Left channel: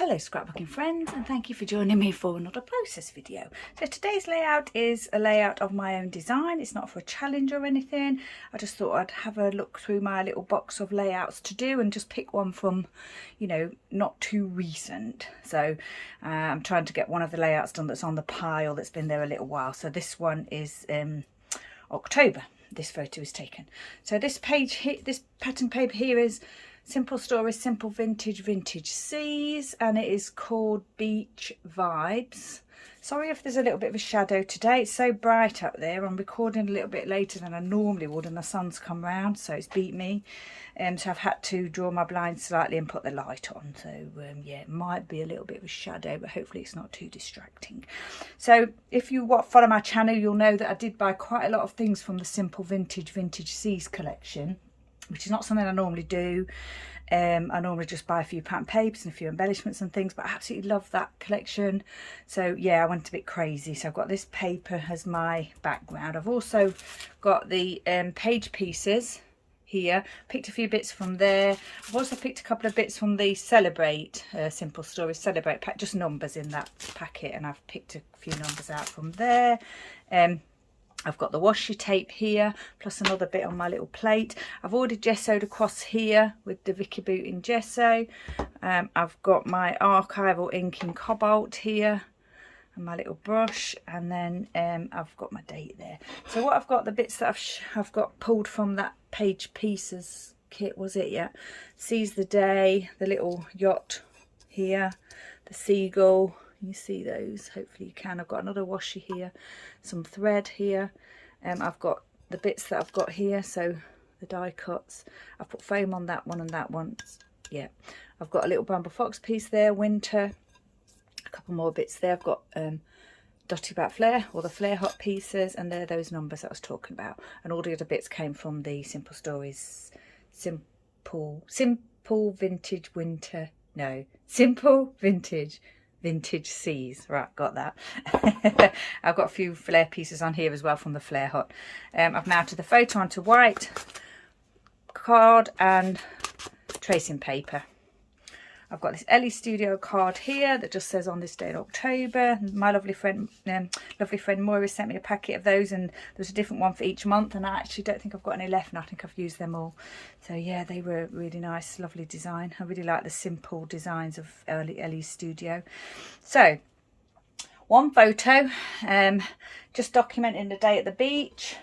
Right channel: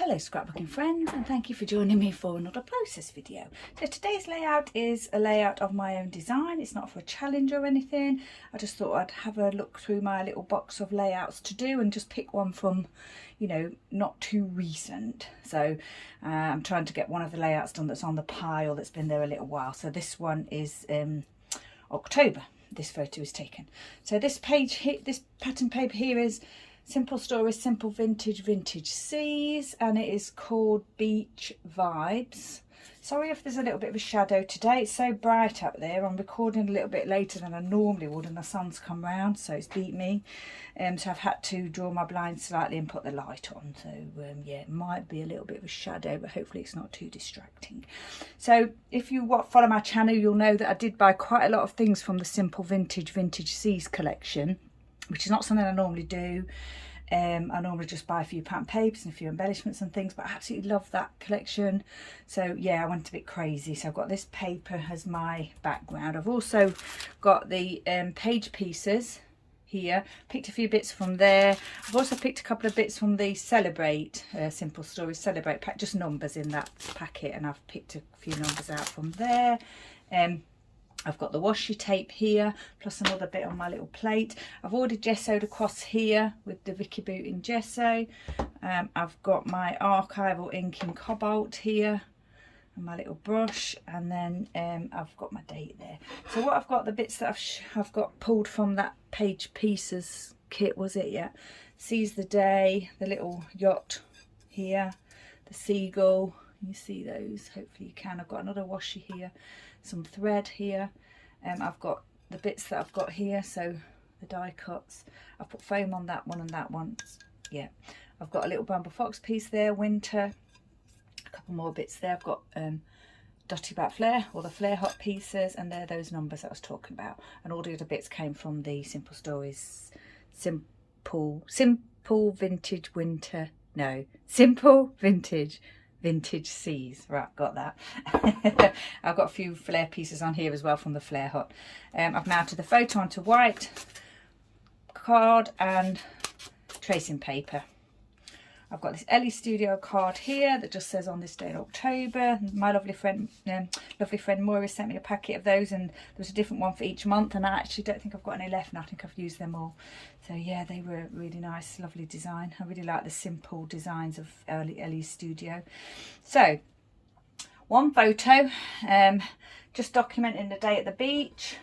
Hello scrapbooking friends, and thank you for joining me for another process video. So today's layout is a layout of my own design. It's not for a challenge or anything. I just thought I'd have a look through my little box of layouts to do and just pick one from, you know, not too recent. So I'm trying to get one of the layouts done that's on the pile that's been there a little while. So this one is October. This photo is taken. So this page here, this pattern paper here is Simple Stories, Simple Vintage Seas, and it is called Beach Vibes. Sorry if there's a little bit of a shadow today. It's so bright up there. I'm recording a little bit later than I normally would, and the sun's come round, so it's beat me. So I've had to draw my blinds slightly and put the light on. So yeah, it might be a little bit of a shadow, but hopefully it's not too distracting. So if you follow my channel, you'll know that I did buy quite a lot of things from the Simple Vintage Seas collection, which is not something I normally do. I normally just buy a few pattern papers and a few embellishments and things, but I absolutely love that collection. So yeah, I went a bit crazy. So I've got this paper as my background. I've also got the page pieces here, picked a few bits from there. I've also picked a couple of bits from the Celebrate Simple Stories Celebrate pack, just numbers in that packet, and I've picked a few numbers out from there. I've got the washi tape here, plus another bit on my little plate. I've already gessoed across here with the Vicki Boutin Gesso. I've got my archival ink in cobalt here, and my little brush, and then I've got my date there. So what I've got, the bits that I've got pulled from that page pieces kit, was it? Yeah. Seize the Day, the little yacht here, the seagull. You see those? Hopefully you can. I've got another washi here, some thread here. I've got the bits that I've got here, so the die cuts. I've put foam on that one and that one. Yeah, I've got a little Bramble Fox piece there, winter. A couple more bits there. I've got Dotty About Flair, or the Flair Hut pieces, and they're those numbers that I was talking about. And all the other bits came from the Simple Stories, Simple Vintage Winter. No, Simple Vintage Seas. Right, got that. I've got a few Flair pieces on here as well from the Flair Hut. I've mounted the photo onto white card and tracing paper. I've got this Elle Studio card here that just says on this day in October. My lovely friend Moira sent me a packet of those, and there's a different one for each month, and I actually don't think I've got any left, and I think I've used them all. So yeah, they were really nice, lovely design. I really like the simple designs of Elle Studio. So one photo, just documenting the day at the beach.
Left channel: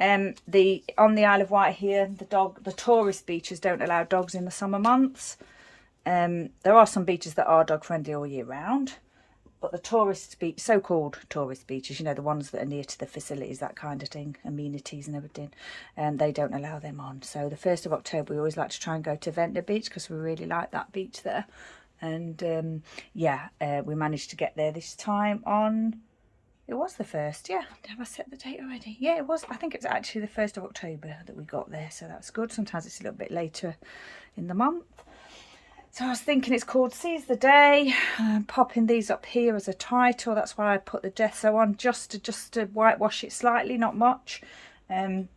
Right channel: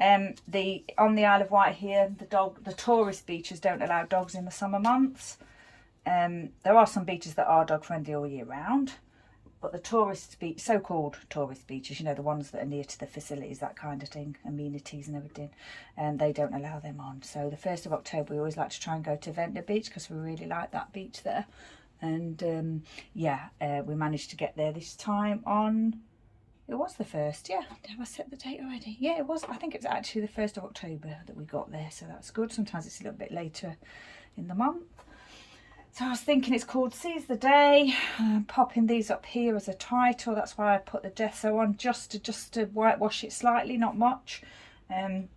On the Isle of Wight here, the tourist beaches don't allow dogs in the summer months. There are some beaches that are dog friendly all year round, but the tourist beach, so-called tourist beaches, you know, the ones that are near to the facilities, that kind of thing, amenities and everything, they don't allow them on. So the 1st of October, we always like to try and go to Ventnor Beach because we really like that beach there. And yeah, we managed to get there this time on, it was the 1st, yeah. Have I set the date already? Yeah, it was. I think it was actually the 1st of October that we got there, so that's good. Sometimes it's a little bit later in the month. So I was thinking it's called Seize the Day. I'm popping these up here as a title. That's why I put the gesso on, just to whitewash it slightly, not much. You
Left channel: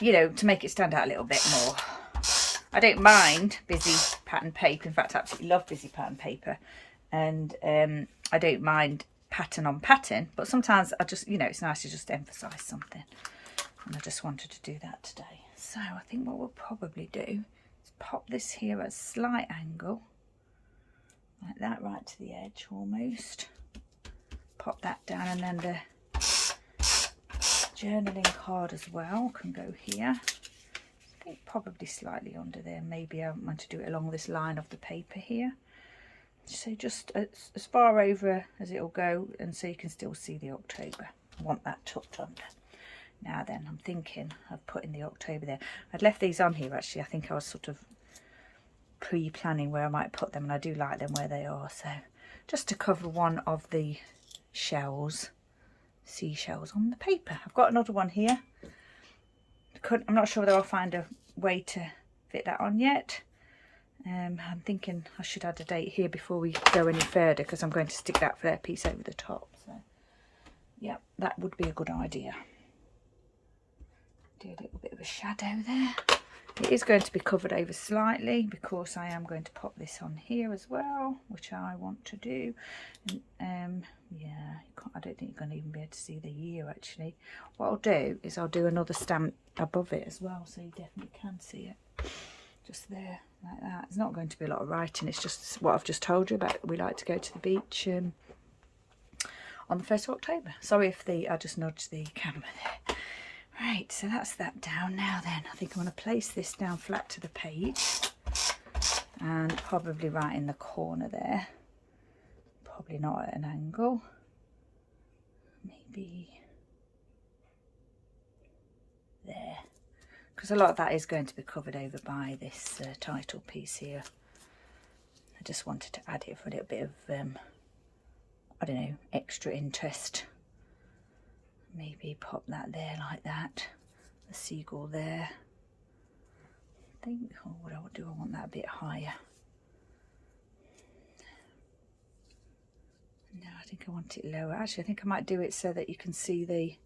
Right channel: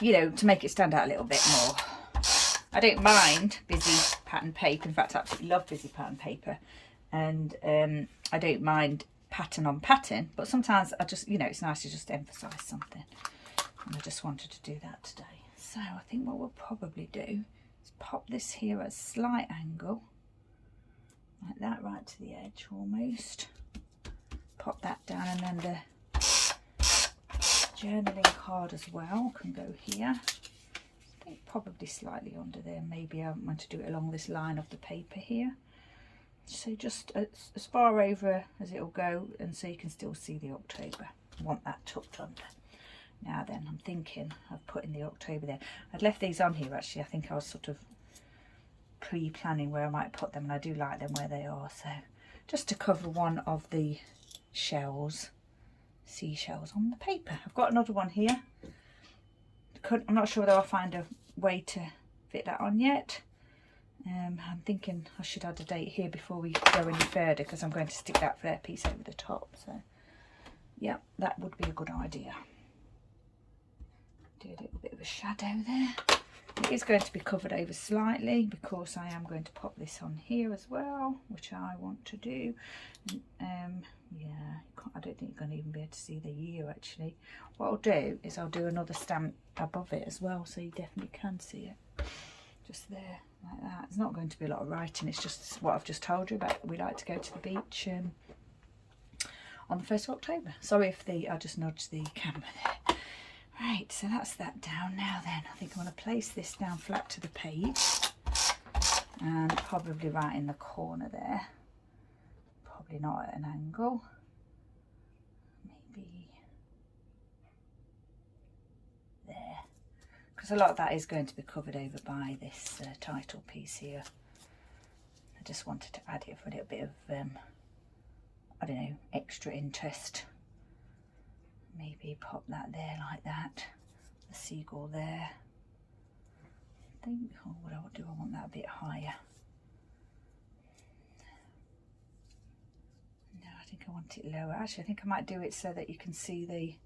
know, to make it stand out a little bit more. I don't mind busy pattern paper. In fact, I absolutely love busy pattern paper. And I don't mind pattern on pattern. But sometimes I just, you know, it's nice to just emphasise something. And I just wanted to do that today. So I think what we'll probably do, pop this here at a slight angle, like that, right to the edge almost. Pop that down, and then the journaling card as well can go here. I think probably slightly under there. Maybe I want to do it along this line of the paper here. So just as far over as it'll go, and so you can still see the October. I want that tucked under. Now then, I'm thinking of putting the October there. I'd left these on here actually. I think I was sort of pre-planning where I might put them, and I do like them where they are. So just to cover one of the shells, seashells on the paper. I've got another one here. I'm not sure whether I'll find a way to fit that on yet. I'm thinking I should add a date here before we go any further, because I'm going to stick that Flair piece over the top. So yeah, that would be a good idea. Do a little bit of a shadow there. It is going to be covered over slightly because I am going to pop this on here as well, which I want to do. And, yeah, I don't think you're going to even be able to see the year actually. What I'll do is I'll do another stamp above it as well, so you definitely can see it. Just there, like that. It's not going to be a lot of writing, it's just what I've just told you about. We like to go to the beach on the 1st of October. Sorry if I just nudged the camera there. Right, so that's that down. Now then, I think I'm going to place this down flat to the page and probably right in the corner there. Probably not at an angle. Maybe there. Because a lot of that is going to be covered over by this title piece here. I just wanted to add it for a little bit of, I don't know, extra interest. Maybe pop that there like that. The seagull there. I think, oh, what do I want that a bit higher? No, I think I want it lower. Actually, I think I might do it so that you can see the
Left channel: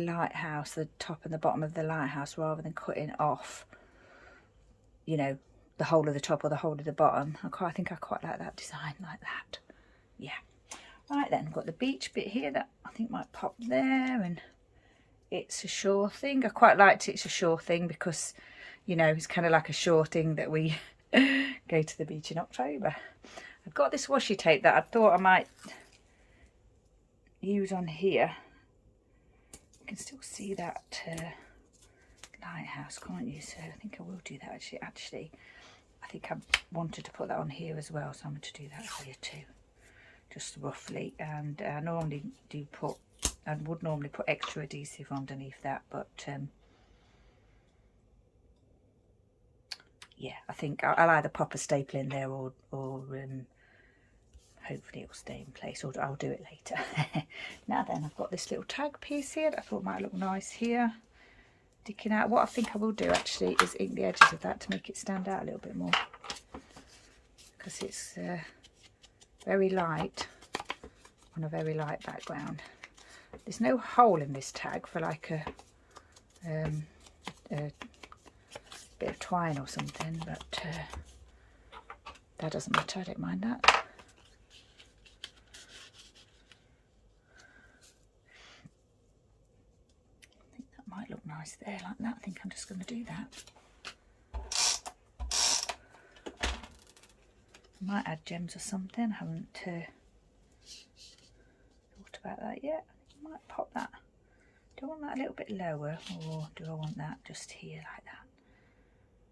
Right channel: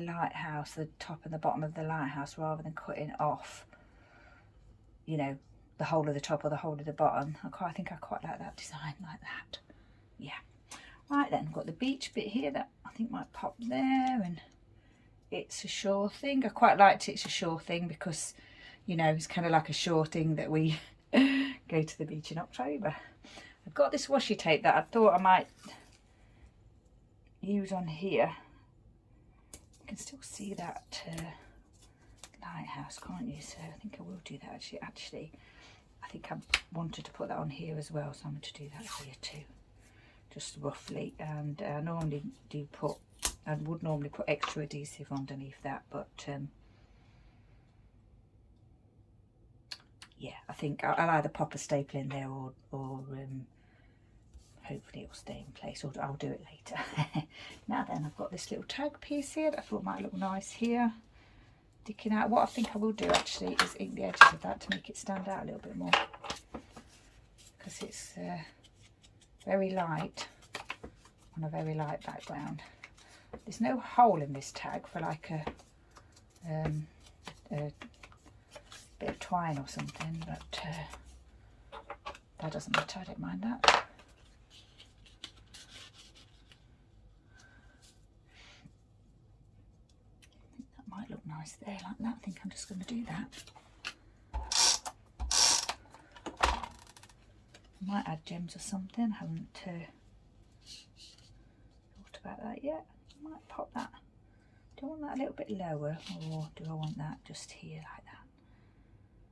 lighthouse, the top and the bottom of the lighthouse, rather than cutting off, you know, the whole of the top or the whole of the bottom. I think I quite like that design like that. Yeah. Right then, I've got the beach bit here that I think might pop there, and it's a sure thing. I quite liked It's a Sure Thing because, you know, it's kind of like a sure thing that we go to the beach in October. I've got this washi tape that I thought I might use on here. You can still see that lighthouse, can't you? So I think I will do that actually. I think I wanted to put that on here as well, so I'm going to do that here too. Just roughly, and I normally would normally put extra adhesive underneath that, but yeah, I think I'll either pop a staple in there or hopefully it'll stay in place, or I'll do it later. Now then, I've got this little tag piece here that I thought might look nice here, sticking out. What I think I will do actually is ink the edges of that to make it stand out a little bit more, because it's very light on a very light background. There's no hole in this tag for like a bit of twine or something, but that doesn't matter, I don't mind that. I think that might look nice there like that. I think I'm just going to do that. I might add gems or something. I haven't thought about that yet. I might pop that. Do I want that a little bit lower, or do I want that just here like that?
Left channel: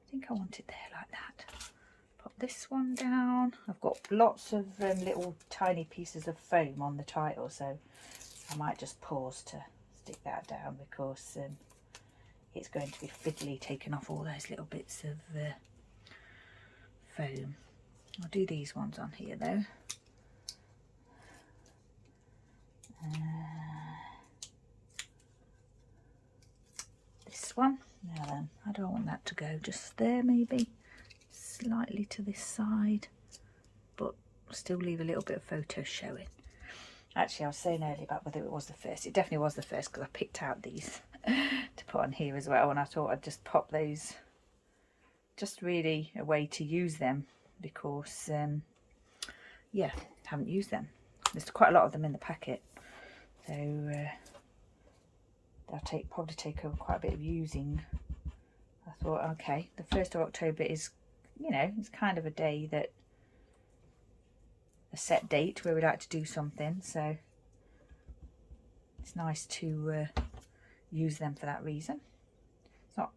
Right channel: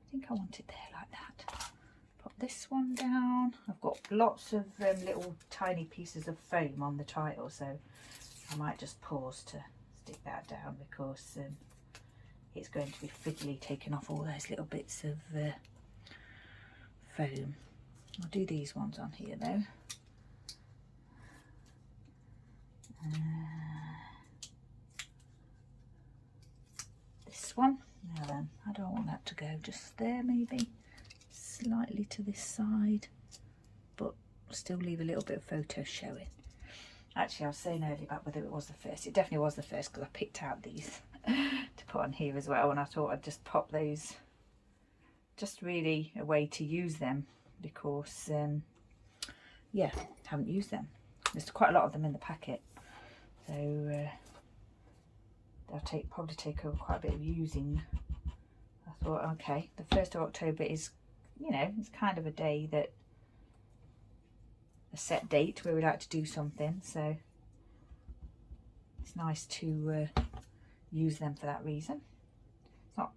I think I want it there like that. Pop this one down. I've got lots of little tiny pieces of foam on the title, so I might just pause to stick that down because it's going to be fiddly taking off all those little bits of foam. I'll do these ones on here though. This one. Now then, how do I want that to go? Just there maybe, slightly to this side, but still leave a little bit of photo showing. Actually, I was saying earlier about whether it was the first. It definitely was the first because I picked out these to put on here as well, and I thought I'd just pop those, just really a way to use them, because yeah, haven't used them. There's quite a lot of them in the packet, so they'll probably take over quite a bit of using. I thought, okay, the 1st of October is, you know, it's kind of a day that, a set date where we like to do something, so it's nice to use them for that reason. It's not,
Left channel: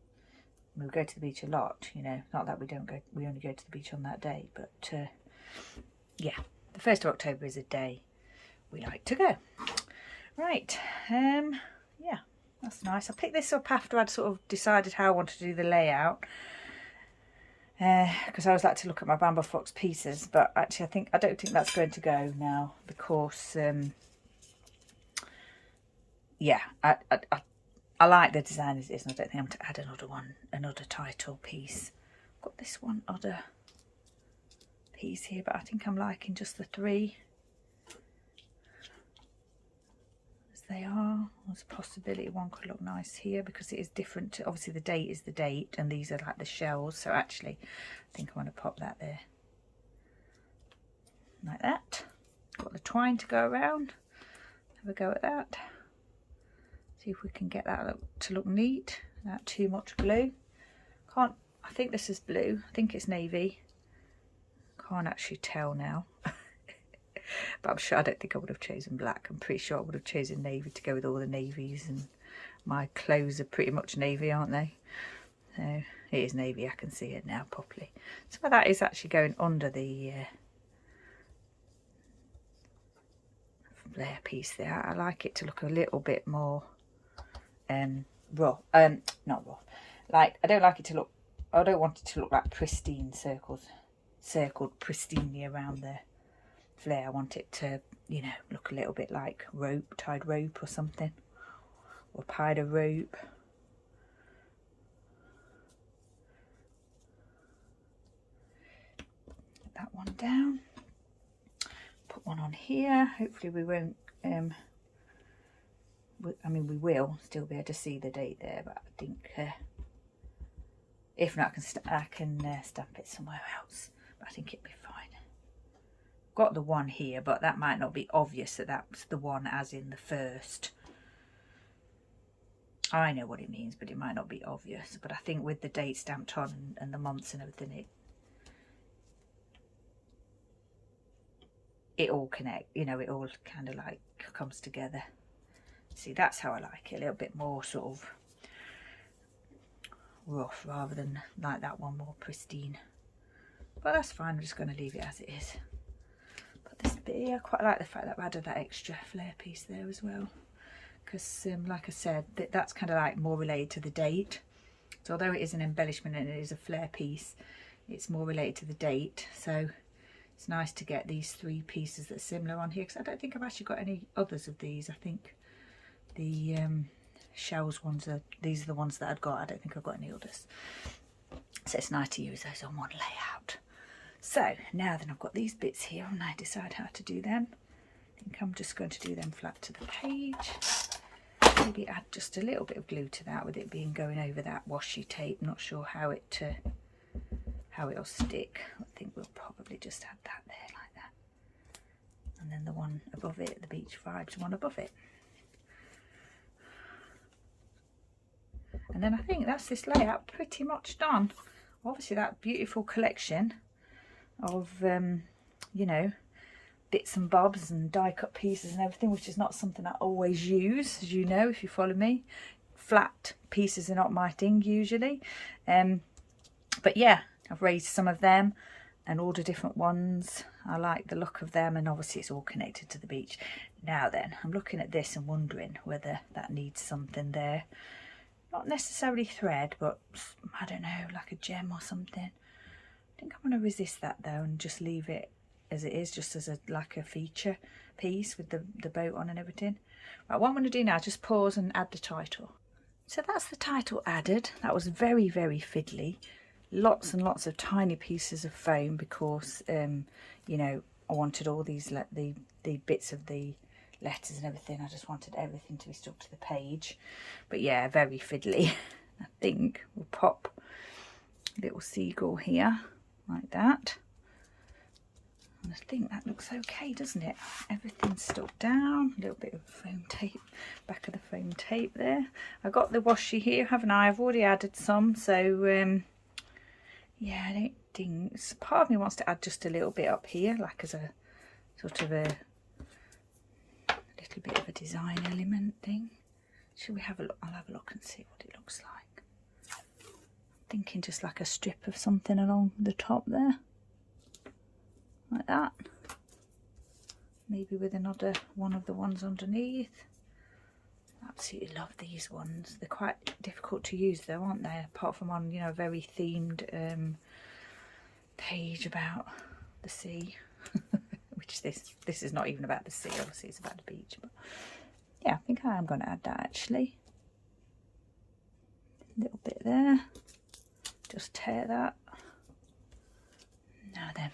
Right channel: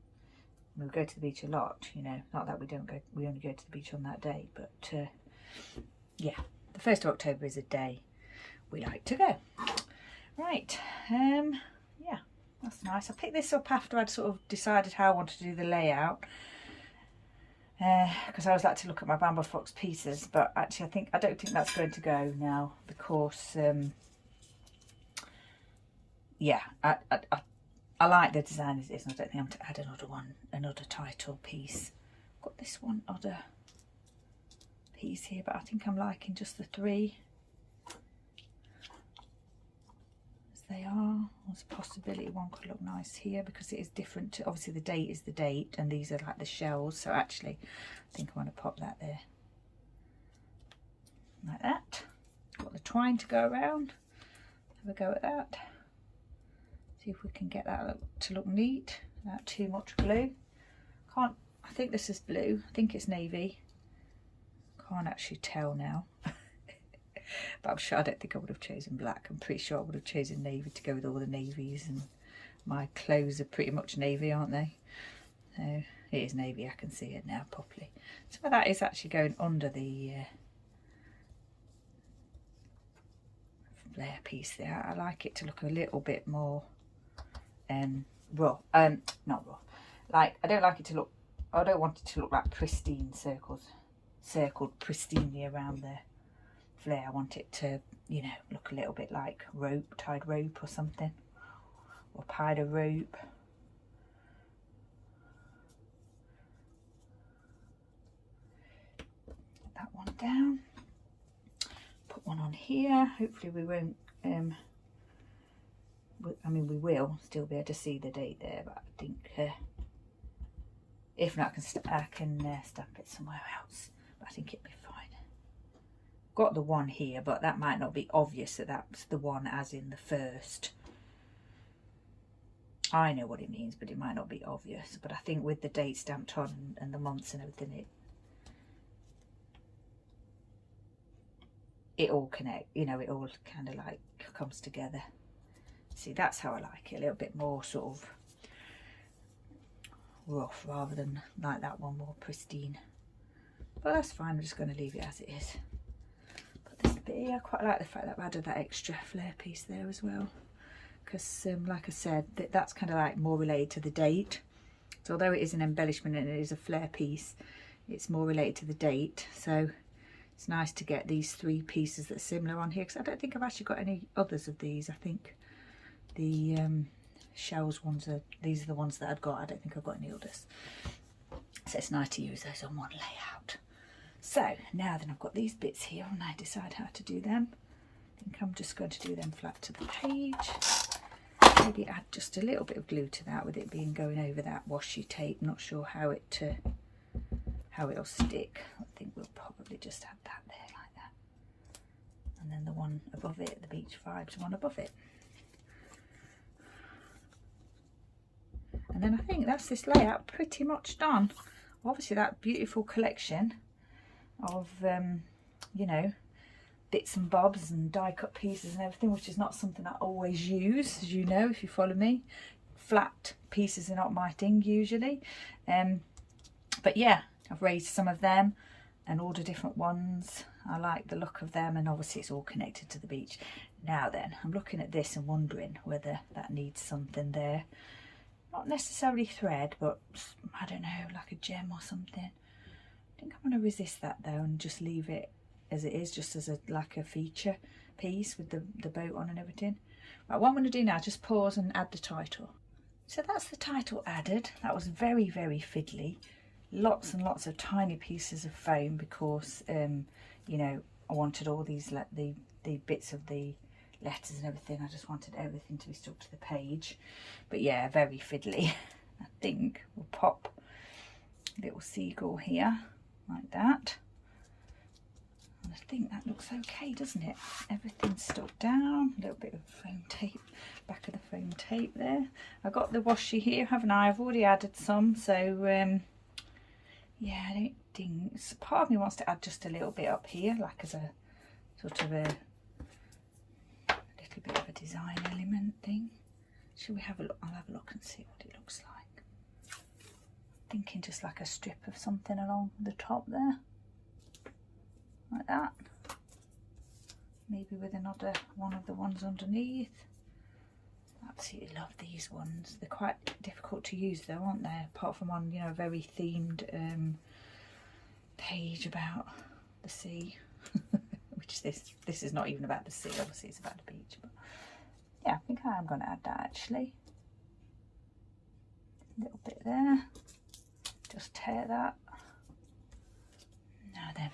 we go to the beach a lot, you know, not that we only go to the beach on that day, but yeah, the 1st of October is a day we like to go. Right, yeah, that's nice. I picked this up after I'd sort of decided how I wanted to do the layout, because I always like to look at my Bamboo Fox pieces, but actually I don't think that's going to go now, because yeah, I like the design as it is, and I don't think I'm to add another title piece. I've got this one other piece here, but I think I'm liking just the 3. There's they are. There's a possibility one could look nice here because it is different to, obviously the date is the date and these are like the shells. So actually I think I want to pop that there like that. Got the twine to go around. Have a go at that. See if we can get that to look neat without too much glue. Can't, I think this is blue. I think it's navy. Can't actually tell now. But I'm sure, I don't think I would have chosen black. I'm pretty sure I would have chosen navy to go with all the navies, and my clothes are pretty much navy, aren't they? So it is navy, I can see it now properly. So that is actually going under the Flair piece there. I like it to look a little bit more raw, not raw. Like, I don't like it to look, I don't want it to look like pristine circled pristinely around the Flair. I want it to, you know, look a little bit like rope, tied rope or something, or pied a rope. Put that one down. Put one on here. Hopefully we won't, I mean we will still be able to see the date there, but I think if not I can stamp it somewhere else, but I think it'd be fine. Got the one here, but that might not be obvious that that's the one as in the first. I know what it means, but it might not be obvious. But I think with the date stamped on and the months and everything, it all connect, you know, it all kind of like comes together. See, that's how I like it, a little bit more sort of rough rather than like that one, more pristine. But that's fine, I'm just going to leave it as it is. But this bit here, I quite like the fact that I added that extra Flair piece there as well, because like I said, that's kind of like more related to the date. So although it is an embellishment and it is a Flair piece, it's more related to the date. So it's nice to get these three pieces that are similar on here, because I don't think I've actually got any others of these. I think the shells ones are, these are the ones that I've got. I don't think I've got any others. So it's nice to use those on one layout. So now then I've got these bits here and I decide how to do them. I think I'm just going to do them flat to the page. Maybe add just a little bit of glue to that, with it being going over that washi tape. Not sure how it'll stick. I think we'll probably just add that there like that. And then the one above it, the Beach Vibes one above it. And then I think that's this layout pretty much done. Obviously that beautiful collection of, you know, bits and bobs and die cut pieces and everything, which is not something I always use, as you know, if you follow me. Flat pieces are not my thing usually. But yeah, I've raised some of them and all the different ones. I like the look of them, and obviously it's all connected to the beach. Now then, I'm looking at this and wondering whether that needs something there. Not necessarily thread, but I don't know, like a gem or something. I think I'm going to resist that though and just leave it as it is, just as a like a feature piece with the boat on and everything. Right, what I'm going to do now is just pause and add the title. So that's the title added. That was very, very fiddly. Lots and lots of tiny pieces of foam because, you know, I wanted all these, the bits of the letters and everything. I just wanted everything to be stuck to the page. But yeah, very fiddly. I think we'll pop a little seagull here like that. And I think that looks okay, doesn't it? Everything's stuck down. A little bit of foam tape, back of the foam tape there. I got the washi here, haven't I? I've already added some, so yeah, I don't think, part of me wants to add just a little bit up here, like as a sort of a little bit of a design element thing. Shall we have a look? I'll have a look and see what it looks like. Thinking just like a strip of something along the top there, like that. Maybe with another one of the ones underneath. Absolutely love these ones. They're quite difficult to use though, aren't they? Apart from on, you know, a very themed page about the sea. Which this is not even about the sea, obviously it's about the beach. But yeah, I think I am going to add that actually. A little bit there. Just tear that. Now then,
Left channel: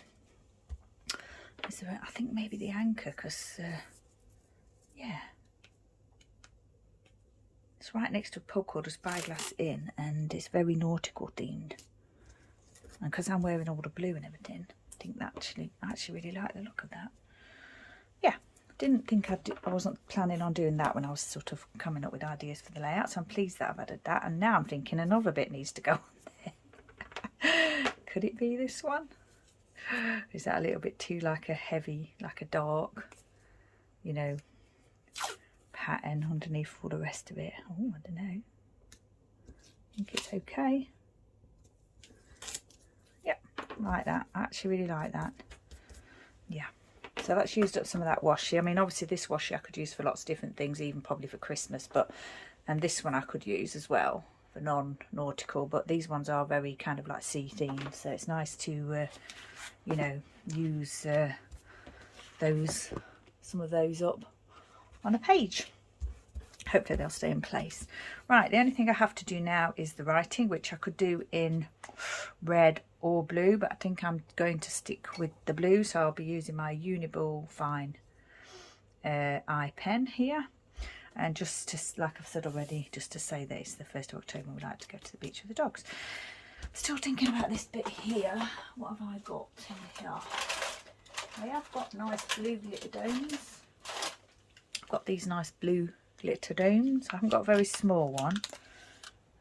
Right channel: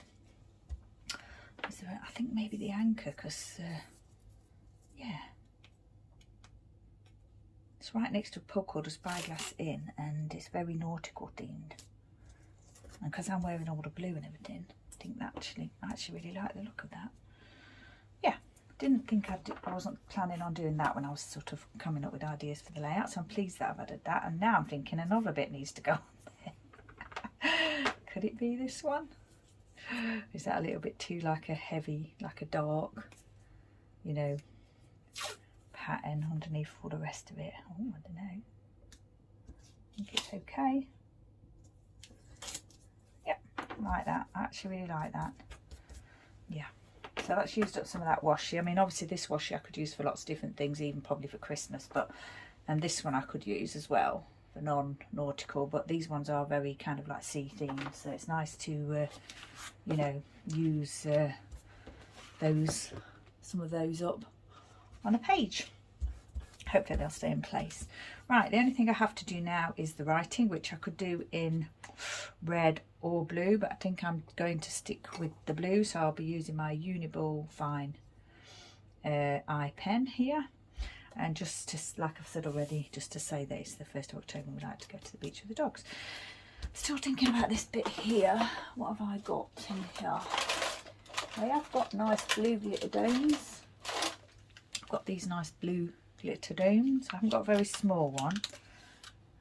is there, I think maybe the anchor, because yeah, right next to a pub called a Spyglass Inn, and it's very nautical themed. And because I'm wearing all the blue and everything, I think that I actually really like the look of that. Yeah, didn't think I wasn't planning on doing that when I was sort of coming up with ideas for the layout, so I'm pleased that I've added that. And now I'm thinking another bit needs to go on there. Could it be this one? Is that a little bit too like a heavy, like a dark, you know, pattern underneath all the rest of it? Oh, I don't know. I think it's okay. Yep, like that. I actually really like that. Yeah. So that's used up some of that washi. I mean, obviously this washi I could use for lots of different things, even probably for Christmas, and this one I could use as well for non-nautical, but these ones are very kind of like sea themed, so it's nice to you know, use some of those up on a page. Hopefully they'll stay in place. Right, the only thing I have to do now is the writing, which I could do in red or blue, but I think I'm going to stick with the blue, so I'll be using my Uniball fine eye pen here. And just to, like I've said already, just to say that it's the 1st of October, we'd like to go to the beach with the dogs. Still thinking about this bit here. What have I got in here? I have got nice blue glitter domes. I've got these nice blue glitter domes. I haven't got a very small one.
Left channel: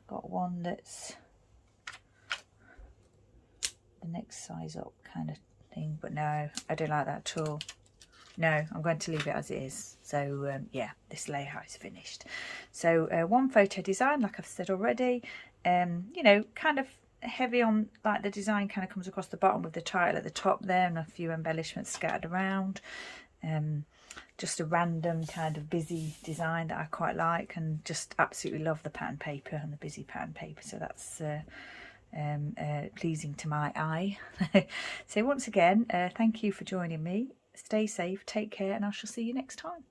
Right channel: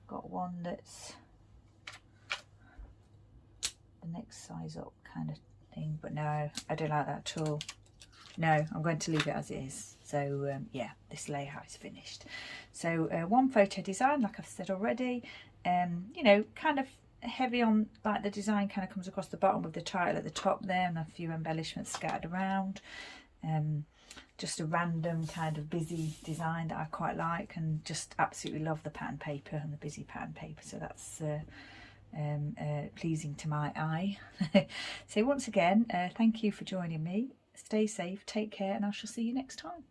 Got one that's the next size up kind of thing, but no, I don't like that at all. No, I'm going to leave it as it is. So yeah, this layout is finished. So one photo design, like I've said already, you know, kind of heavy on, like the design kind of comes across the bottom with the title at the top there and a few embellishments scattered around. Just a random kind of busy design that I quite like, and just absolutely love the pattern paper and the busy pattern paper, so that's pleasing to my eye. So once again, thank you for joining me. Stay safe, take care, and I shall see you next time.